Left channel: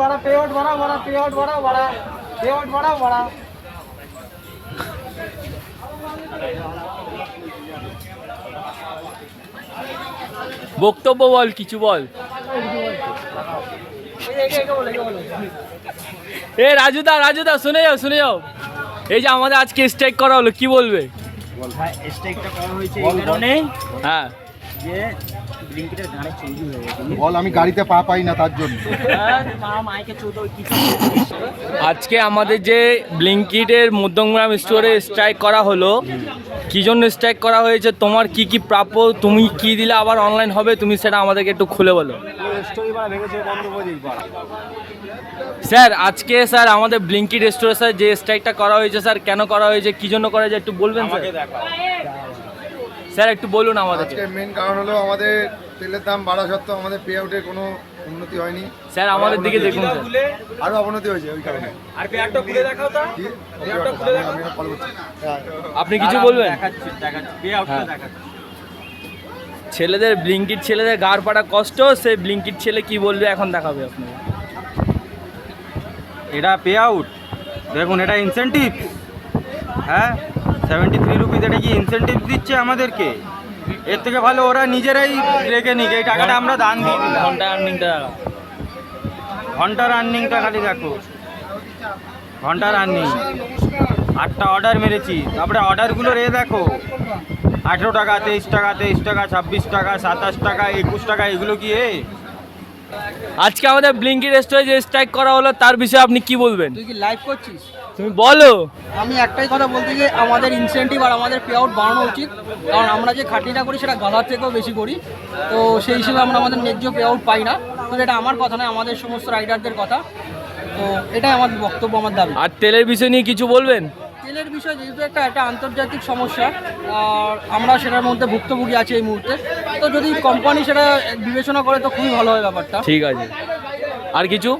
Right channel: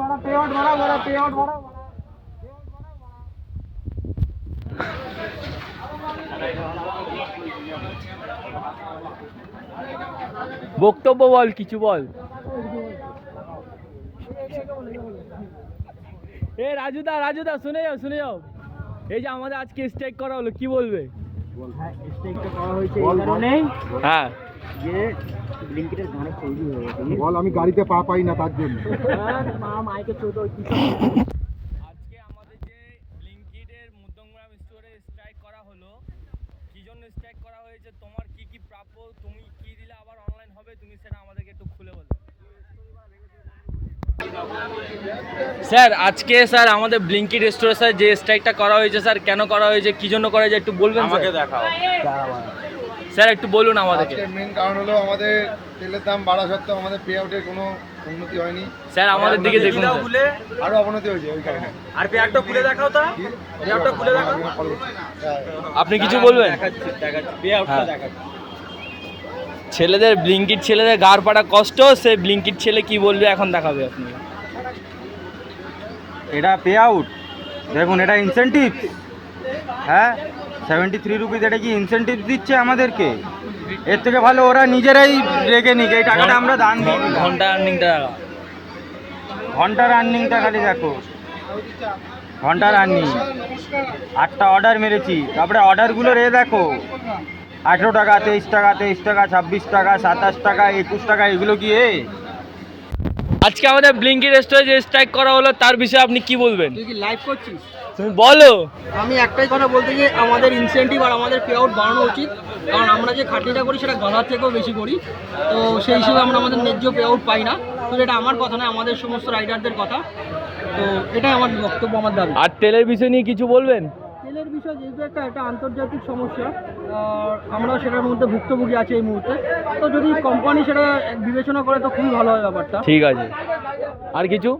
बड़ा पेआउट बड़ा बड़ा पेआउट बड़ा बड़ा पेआउट बड़ा बड़ा বক্তব্য বল, কিছু বল। এ রাজুদা রাজুদা শুনে যাও। এই যে আমাদের আজকে স্ট্রাইক করা হলো, কি বলবে? হ্যাঁ, স্ট্রাইকটা করা হয়েছে এই কারণেই হ্যাঁ যে ব্লিঙ্কিটের গানে চৌধুরী হয়ে গেছে। বল আমি গাড়িতে পা পাই না তার জন্য। মাইকে চৌধুরী কি আজকে আমাদের যে ব্লিঙ্কিটের মধ্যমগ্রাম স্টোরে স্ট্রাইক করা হলো, কি জন্য স্ট্রাইক করা হয়েছে, তোমার কি কি প্রাপ্য, তুমি কি দিলে আবার অনলাইন হবে, তুমি সেটা আমাদেরকে একটু খুলে বলো। স্যার আজকে স্যার আমাদের ব্লিঙ্কিট স্টোরে স্যার যে স্ট্রাইকটা করা হয়েছে স্যার, কেন করা হয়েছে, কি জন্য করা হয়েছে একটু বলবেন স্যার? স্যার একটু বলুন আমাদেরকে। আজকের মেন কারণ হলো আমাদের তেলের দাম বাড়া সত্ত্বেও আমাদের পে আউটের কোনো উন্নতি হয়নি। স্যার আমাদের দিকে দেখুন স্যার। আরো অবনতি হয়েছে ওই কারণে। আর পেয়ারটা খুলে দেখাও তো। কি? আমি কল করছি। আপনি কিছু বলবেন? পেয়ারটা হ্যাঁ। দেখাচ্ছি। ছেলেদের ব্লিঙ্কিট ছেলেদের গাড় পাড়া কষ্ট, সে ব্লিঙ্কিট ছেলে কি বলবে এখন দেখাবে আপনি। এটা পে আউট দেখুন, এটা ইনসেন্টিভ। হ্যাঁ 73 রুপিস, এটা কি ইনসেন্টিভ দিচ্ছে আমাদেরকে? এর থেকে ভালো ওরা নিজেরাই রেখে নিক, এই টাকাটা আমরা দান দিই। ঘন্টা আর্নিংটা ঘন্টার আর্নিংটা খালি দেখো, ঘন্টার আর্নিং 8টা অর্ডার মেরেছি, তারপরে অর্ডারগুলোর দেখো 18 টাকা, 23 টাকা, 23 টাকা, 26 টাকা, 27 টাকা, 21 টাকা, এগুলো কি আজকে আমাদের ব্লিঙ্কিট স্টোরে যে স্ট্রাইক করা হলো তার বিষয়ে আপনি কি বলবেন? তুই কি লাইভ করছিস? তুমি বলো। আমি একটাই কথা বলতে গিয়ে আমাদের ইনসেন্টিভ আর আমাদের পে আউট বাড়ানো উচিত, কারণ আমরা যে খাটনিটা করি সেটা গালার থেকেও বেশি করি, তো সেই হিসেবে আমরা আমাদের ন্যায্য পে আউট পাই না। তো এটা আমার কথা নয়, আমাদের সমস্ত রাইডারদের কথা। তো এটাই আমার বক্তব্য, আমার দাবি। আর তেলের বিষয় নিয়ে কিছু বলবেন? তেলের বিষয় যেহেতু একটা আন্তর্জাতিক সমস্যা, আর আমরা সেটার মধ্যে ভুক্তভোগী আছি এই মুহূর্তে, তো যদি কোম্পানি সেটা বিবেচনা করে তো খুবই ভালো হয় ব্যাপারটা। ঠিক আছে, আর কিছু?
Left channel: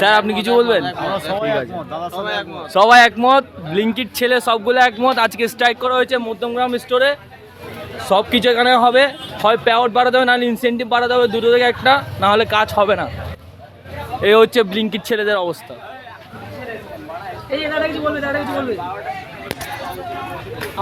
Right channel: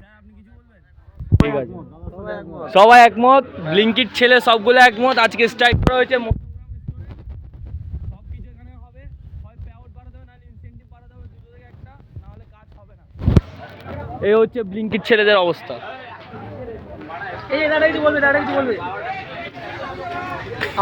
স্যার আপনি কিছু বলবেন? ঠিক আছে, সবাই একমত, ব্লিঙ্কিট ছেলে সবগুলো একমত। আজকে স্ট্রাইক করা হয়েছে মধ্যমগ্রাম স্টোরে, সব কিছু এখানে হবে, হয় পে আউট বাড়াতে হবে, নাহলে ইনসেন্টিভ বাড়াতে হবে, দুটো থেকে একটা, না হলে কাজ হবে না। এই হচ্ছে ব্লিঙ্কিট ছেলেদের অবস্থা। এই দাদা কিছু বলবে, দাদা কিছু বলবে।